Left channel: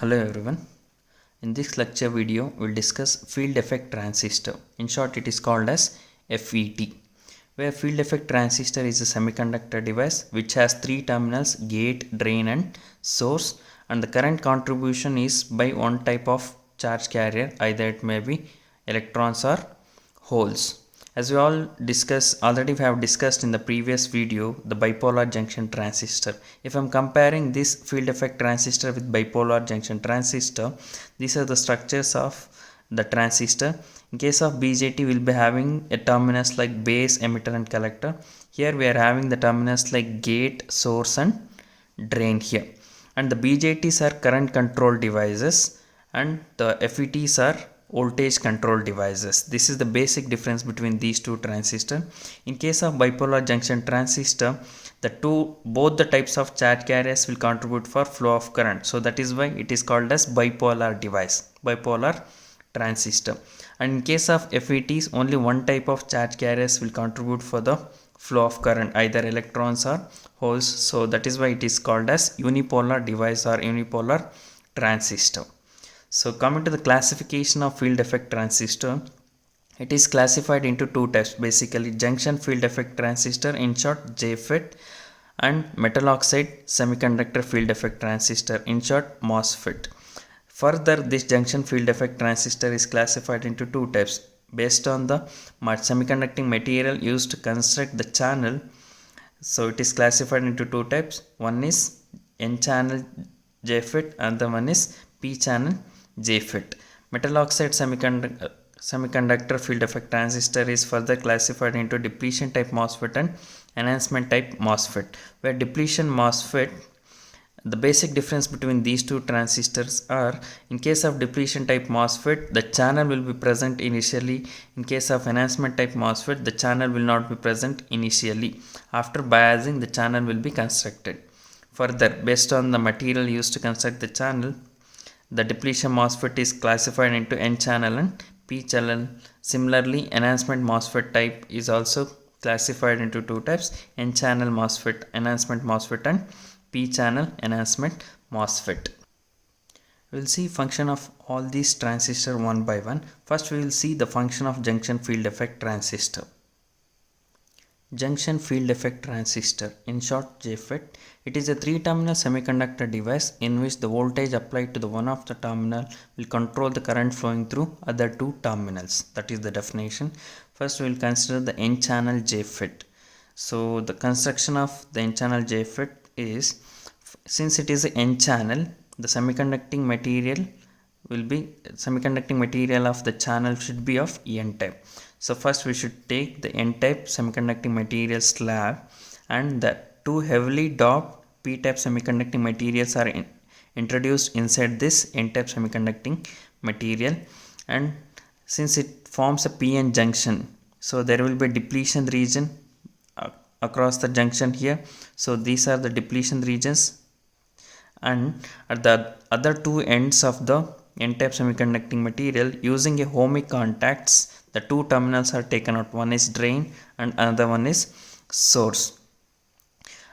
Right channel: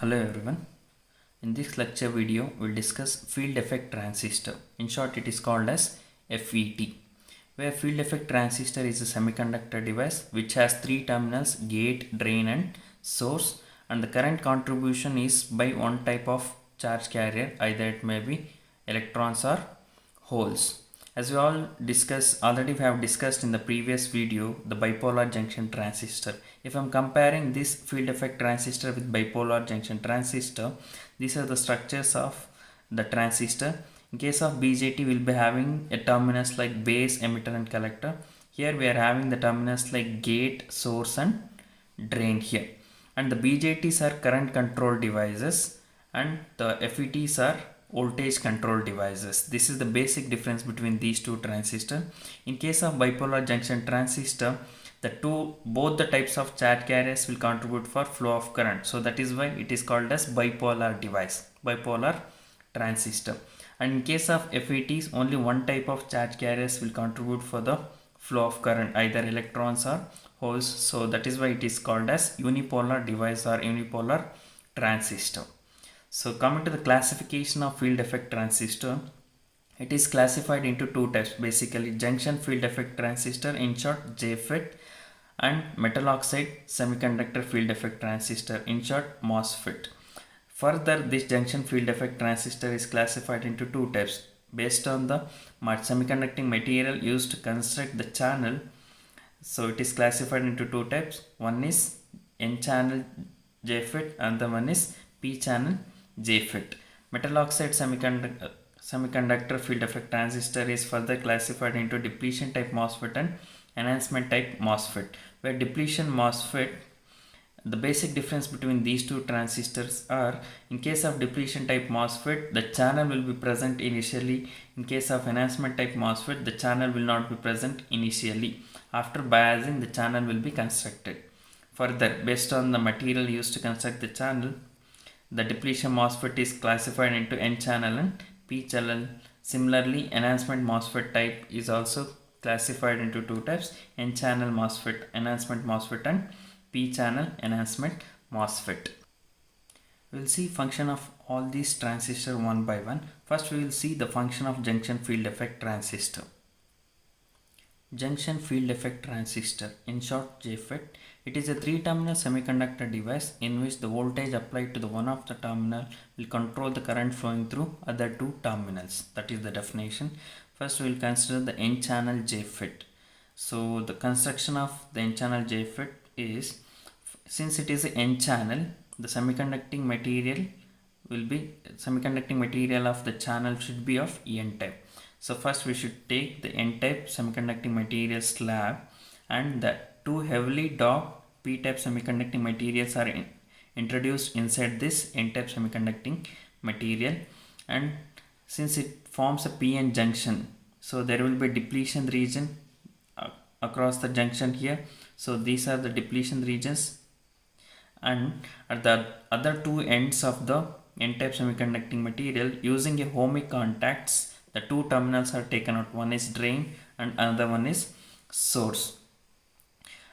Hello everyone. In this lecture video, we'll discuss field effect transistor. In short, it is called as FET. Where field effect transistor is a semiconductor device which has three terminals: gate, drain and source, and the current contribution is by one type of charge carrier, either it may be electrons or holes. As we already have discussed in the previous video, the bipolar junction transistor. If I'm comparing this field effect transistor with bipolar junction transistor, these are the structures of the transistor. In case of BJT, we'll be having a terminus like base, emitter and collector. Here we are having the terminus like gate, source and drain here. And the BJTs are current control devices and the FETs are voltage control devices. This is the basic difference between these two transistors. In case of bipolar junction transistor, both the types of charge carriers will contribute for flow of current. So that is why it is called as bipolar device, bipolar transistor. And in case of FETs, only one type of charge carriers will contribute for the flow of current, either electrons or holes. So that is why it is called as unipolar device or unipolar transistor. So coming to the classification of field effect transistor, it is classified into two types, basically junction field effect transistor, in short JFET, and metal oxide semiconductor field effect transistor, in short MOSFET. Further, this junction field effect transistor is classified into two types based on the semiconducting material used to construct the channel. So it is classified into two types. One is N channel JFET and the one is P channel JFET. Metal oxide semiconductor field effect transistor is further classified into depletion type MOSFET and enhancement type MOSFET. Where depletion MOSFET, the basic difference between these two transistors are, in case of depletion type MOSFET, the channel will be present initially. In case of enhancement type MOSFET, the channel will not be present initially. After biasing, the channel will be constructed. Further, based on the material used to construct the channel, the depletion MOSFET is classified into N channel and P channel. Similarly, enhancement MOSFET type is also classified into two types: N channel MOSFET, enhancement MOSFET, and P channel enhancement MOSFET. We will see function of all these transistors one by one. First, we will see the function of junction field effect transistor. Junction field effect transistor, in short JFET. It is a three-terminal semiconductor device in which the voltage applied to the one of the terminal will control the current flowing through other two terminals. That is the definition. First, we will consider the N-channel JFET. So the construction of the N-channel JFET is, since it is an N-channel, the semiconducting material of the channel should be of N-type. So first we should take the N-type semiconducting material slab, and the two heavily doped P-type semiconducting materials are introduced inside this N-type semiconducting material, and since it forms a PN junction, so there will be a depletion region across the junction here. So these are the depletion regions, and at the other two ends of the N-type semiconducting material, using a ohmic contacts, the two terminals are taken out. One is drain and another one is source.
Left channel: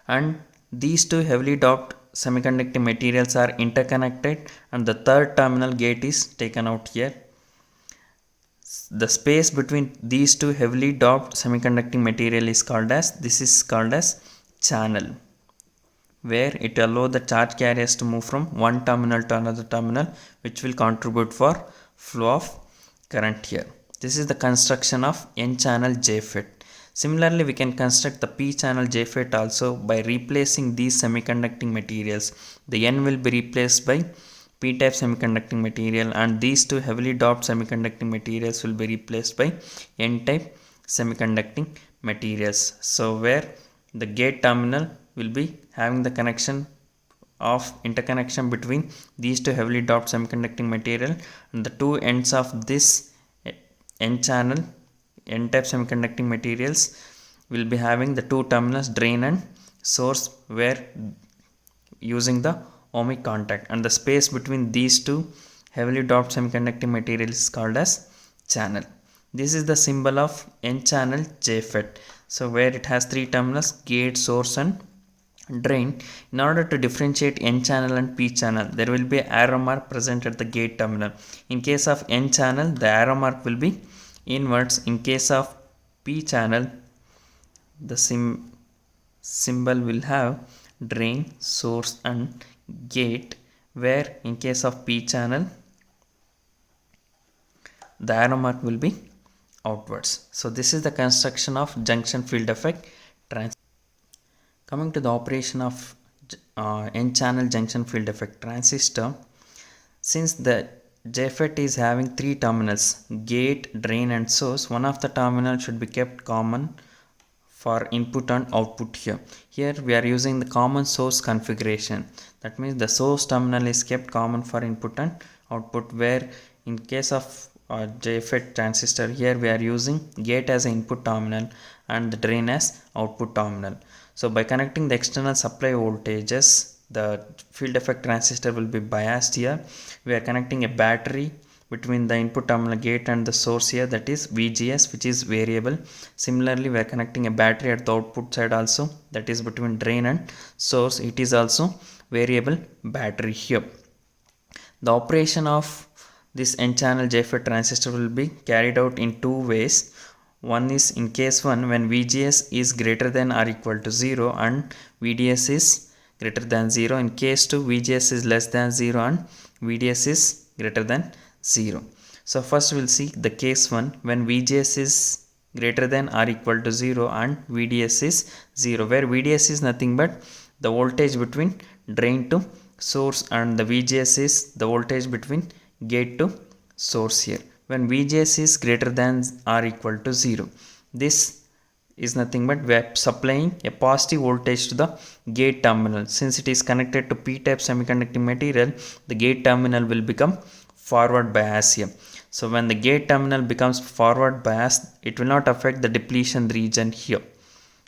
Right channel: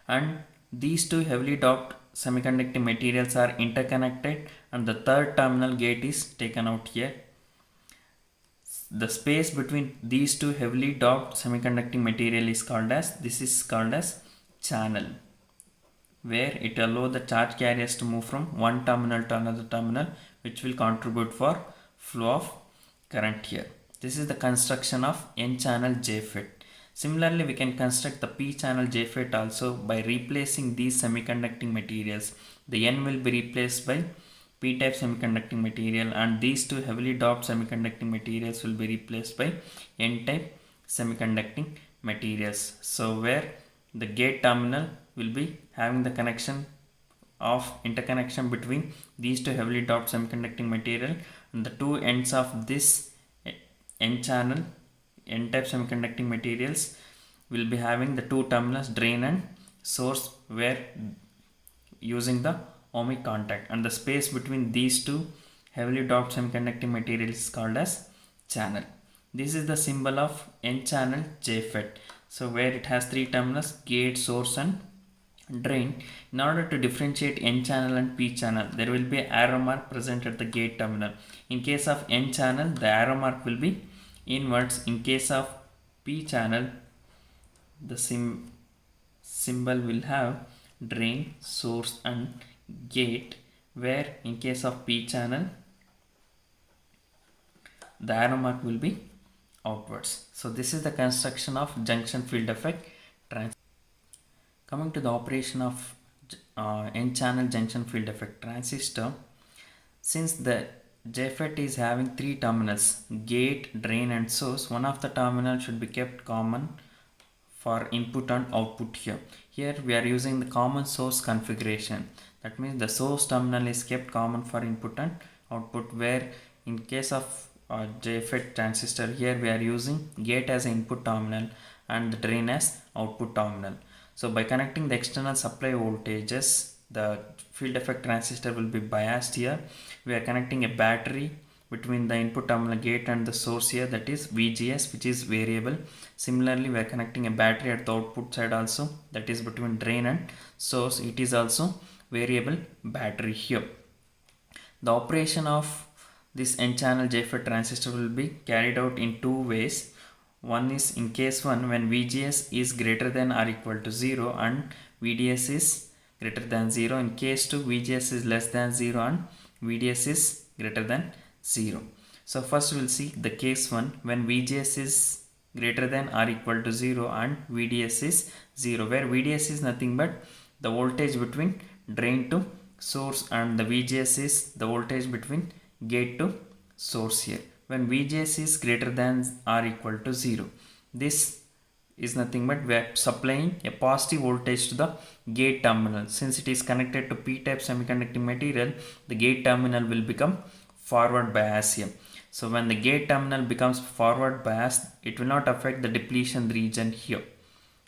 And these two heavily doped semiconducting materials are interconnected, and the third terminal gate is taken out here. The space between these two heavily doped semiconducting material is called as channel, where it allows the charge carriers to move from one terminal to another terminal, which will contribute for flow of current here. This is the construction of N-channel JFET. Similarly, we can construct the P-channel JFET also by replacing these semiconducting materials. The N will be replaced by P-type semiconducting material, and these two heavily doped semiconducting materials will be replaced by N-type semiconducting materials. So where the gate terminal will be having the connection of interconnection between these two heavily doped semiconducting material, and the two ends of this N-channel N-type semiconducting materials will be having the two terminals drain and source, where using the ohmic contact, and the space between these two heavily doped semiconducting materials is called as channel. This is the symbol of N-channel JFET. So where it has three terminals: gate, source and drain. In order to differentiate n channel and p channel, there will be arrow mark present at the gate terminal. In case of n channel, the arrow mark will be inwards. In case of p channel, the symbol will have drain, source and gate, where in case of p channel, the arrow mark will be outwards. So this is the construction of junction field effect transistor. Coming to the operation of n-channel junction field effect transistor, since the JFET is having three terminals, gate, drain and source, one of the terminals should be kept common for input and output here. Here we are using the common source configuration. That means the source terminal is kept common for input and output, where in case of JFET transistor, here we are using gate as an input terminal and the drain as output terminal. So by connecting the external supply voltages, the field effect transistor will be biased here. We are connecting a battery between the input terminal gate and the source here, that is VGS, which is variable. Similarly, we are connecting a battery at the output side also, that is between drain and source. It is also variable battery here. The operation of this n-channel JFET transistor will be carried out in two ways. One is in case 1, when VGS is greater than or equal to 0 and VDS is greater than 0. In case 2, VGS is less than 0 and VDS is greater than 0. So first we will see the case 1, when VGS is greater than or equal to 0 and VDS is 0, where VDS is nothing but the voltage between drain to source and the VGS is the voltage between gate to source here. When VGS is greater than or equal to 0, this is nothing but we are supplying a positive voltage to the gate terminal. Since it is connected to p-type semiconducting material, the gate terminal will become forward bias here. So when the gate terminal becomes forward bias, it will not affect the depletion region here.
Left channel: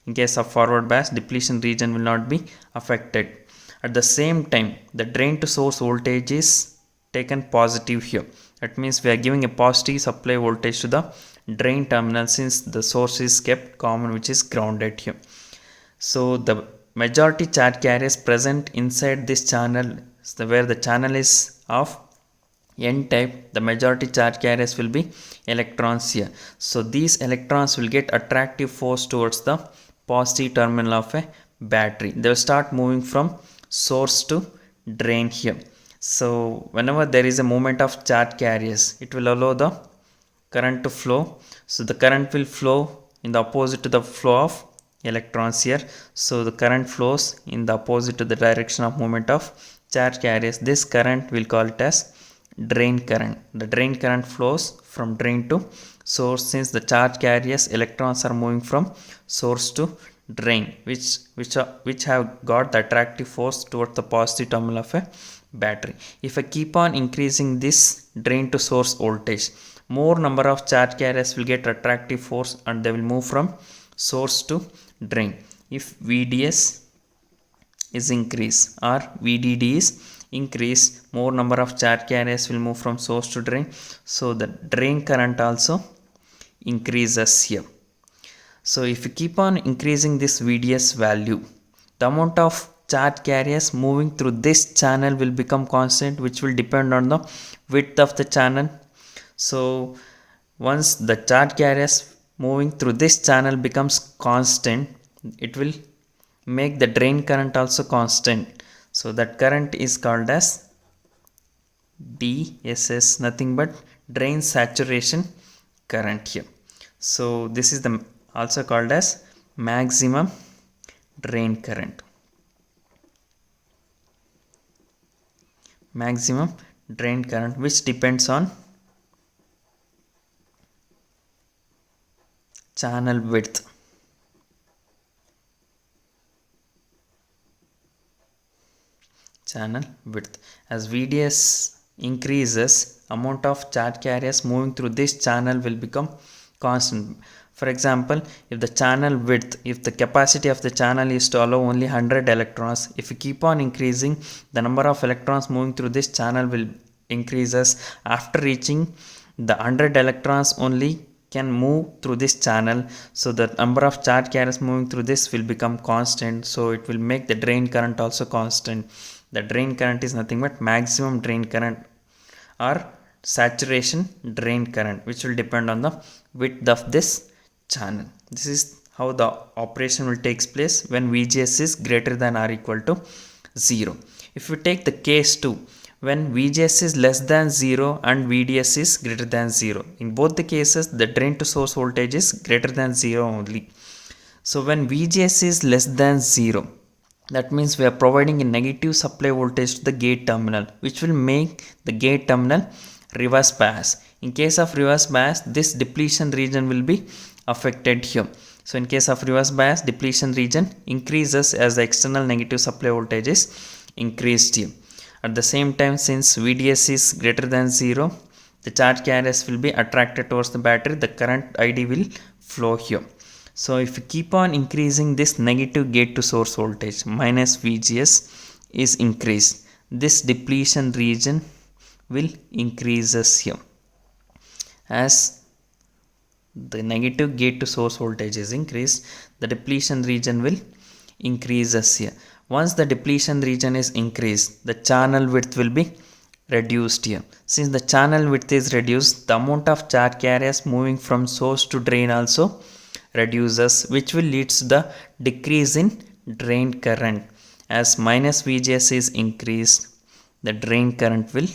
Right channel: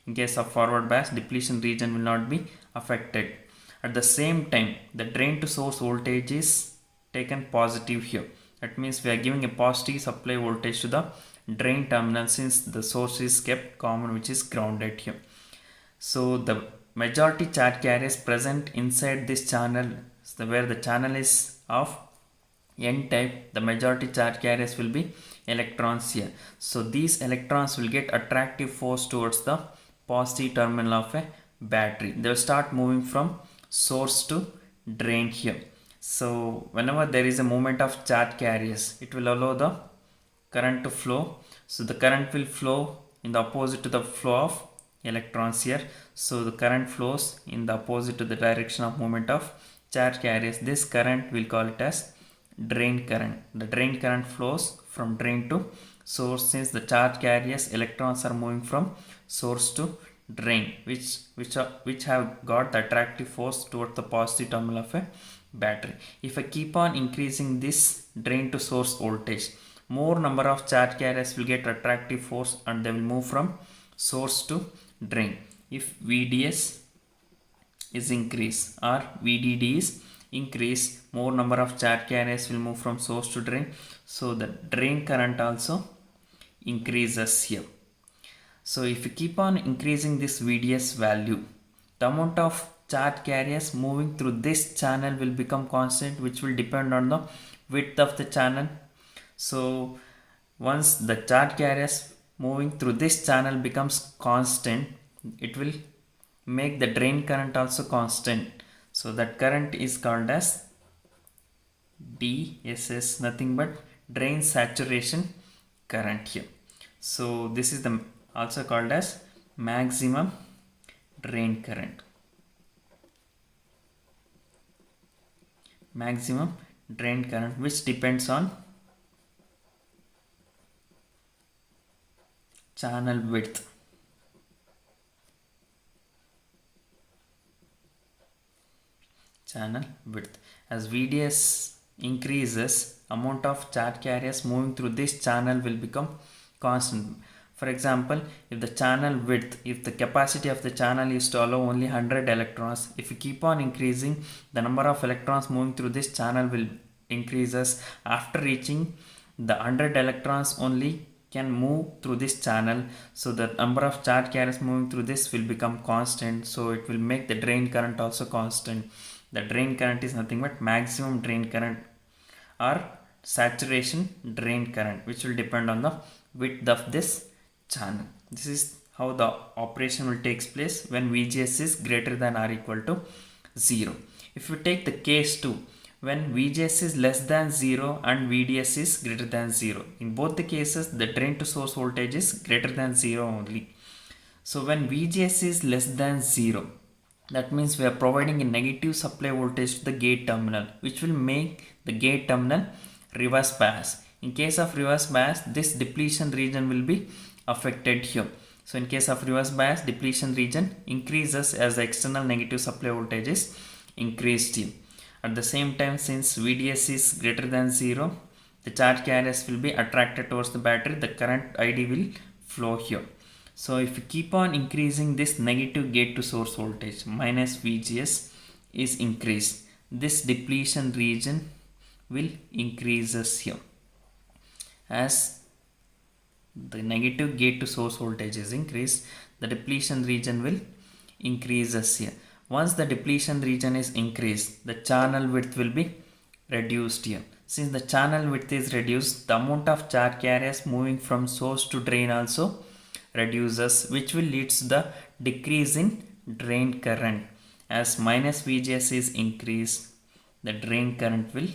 In case of forward bias, depletion region will not be affected. At the same time, the drain to source voltage is taken positive here. That means we are giving a positive supply voltage to the drain terminal, since the source is kept common, which is grounded here. So the majority charge carriers present inside this channel, where the channel is of n type, the majority charge carriers will be electrons here. So these electrons will get attractive force towards the positive terminal of a battery. They will start moving from source to drain here. So whenever there is a movement of charge carriers, it will allow the current to flow. So the current will flow in the opposite to the flow of electrons here. So the current flows in the opposite to the direction of movement of charge carriers. This current we'll call it as drain current. The drain current flows from drain to source, since the charge carriers electrons are moving from source to drain, which have got the attractive force towards the positive terminal of a battery. If I keep on increasing this drain to source voltage, more number of charge carriers will get attractive force and they will move from source to drain. If VDS is increased or VDD is increased, more number of charge carriers will move from source to drain. So the drain current also increases here. So if you keep on increasing this VDS value, the amount of charge carriers moving through this channel will become constant, which will depend on the width of the channel. So once the charge carriers moving through this channel becomes constant, it will make the drain current also constant. So that current is called as DSS, nothing but drain saturation current here. So this is the also called as maximum drain current. Maximum drain current, which depends on channel width. Channel width. As VDS increases, amount of charge carriers moving through this channel will become constant. For example, if the channel width, if the capacity of the channel is to allow only 100 electrons, if you keep on increasing, the number of electrons moving through this channel will increases. After reaching the 100 electrons only, can move through this channel, so the number of charge carriers moving through this will become constant, so it will make the drain current also constant. The drain current is nothing but maximum drain current or saturation drain current, which will depend on the width of this channel. This is how the operation will take place when VGS is greater than or equal to 0. If we take the case 2, when VGS is less than 0 and VDS is greater than 0, in both the cases the drain to source voltage is greater than 0 only. So when VGS is less than 0, that means we are providing a negative supply voltage to the gate terminal, which will make the gate terminal reverse bias. In case of reverse bias, this depletion region will be affected here. So in case of reverse bias, depletion region increases as the external negative supply voltage is increased here. At the same time, since VDS is greater than 0, the charge carriers will be attracted towards the battery. The current ID will flow here. So if you keep on increasing this negative gate to source voltage minus VGS is increased, this depletion region will increases here. As the negative gate to source voltage is increased, the depletion region will increases here. Once the depletion region is increased, the channel width will be reduced here. Since the channel width is reduced, the amount of charge carriers moving from source to drain also reduces, which will lead to the decrease in drain current. As minus VGS is increased, the drain current will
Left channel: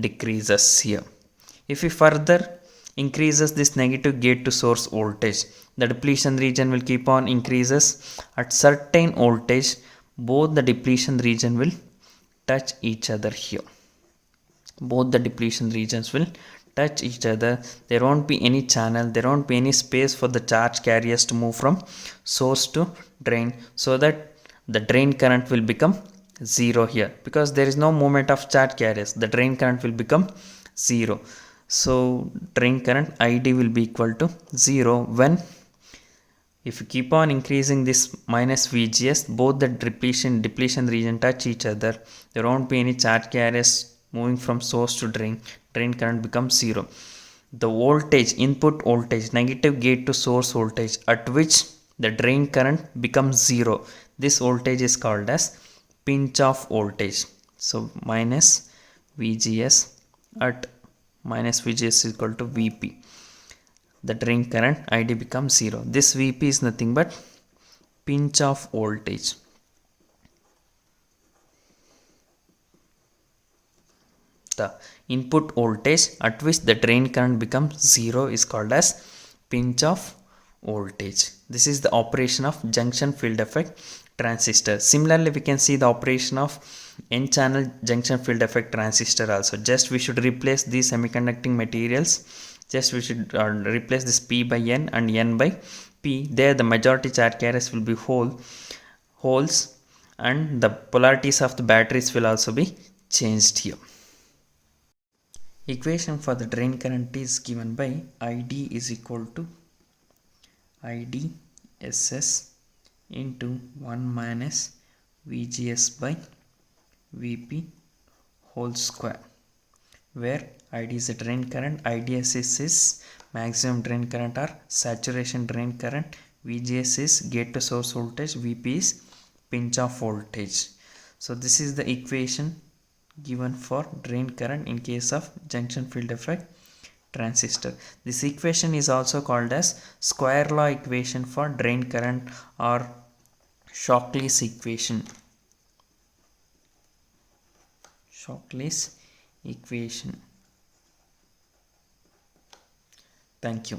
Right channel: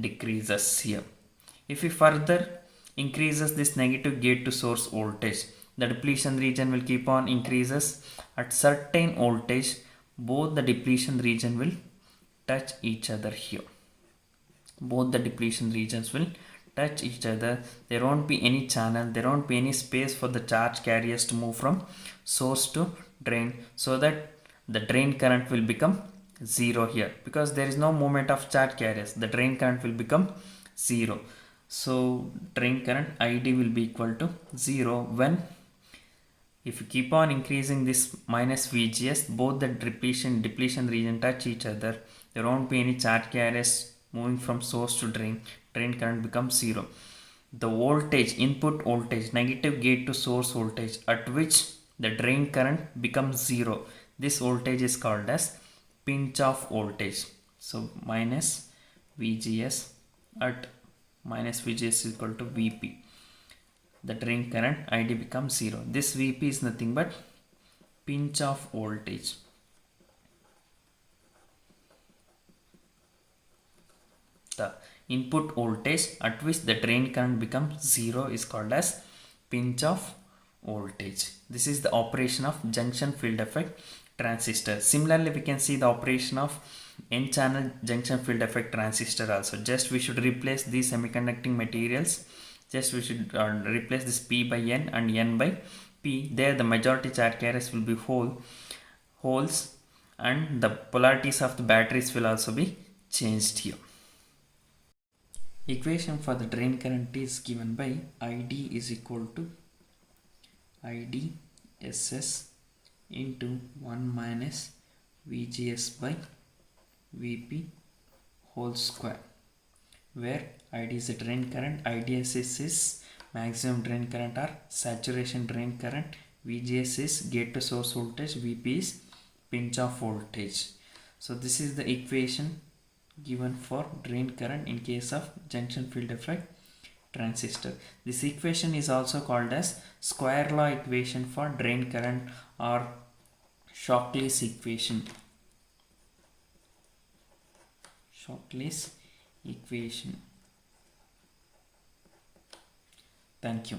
decreases here. If we further increases this negative gate to source voltage, the depletion region will keep on increases. At certain voltage, both the depletion region will touch each other here. Both the depletion regions will touch each other. There won't be any channel, there won't be any space for the charge carriers to move from source to drain, so that the drain current will become 0 here. Because there is no movement of charge carriers, the drain current will become 0. So drain current ID will be equal to 0 when, if you keep on increasing this minus VGS, both the depletion region touch each other. There won't be any charge carriers moving from source to drain. Drain current becomes 0. The voltage, input voltage, negative gate to source voltage at which the drain current becomes 0, this voltage is called as pinch off voltage. So minus VGS at minus VGS is equal to VP. The drain current ID becomes 0. This VP is nothing but pinch off voltage. The input voltage at which the drain current becomes 0 is called as pinch off voltage. This is the operation of junction field effect transistor. Similarly, we can see the operation of n-channel junction field effect transistor also. Just we should replace these semiconducting materials. Just we should replace this P by N and N by P. There the majority charge carriers will be holes, and the polarities of the batteries will also be changed here. Equation for the drain current is given by ID is equal to IDSS into 1 minus VGS by VP whole square, where ID is the drain current, IDSS is maximum drain current or saturation drain current, VGS is gate to source voltage, VP is pinch off voltage. So this is the equation given for drain current in case of junction field effect transistor. This equation is also called as square law equation for drain current or Shockley's equation. Shockley's equation. Thank you.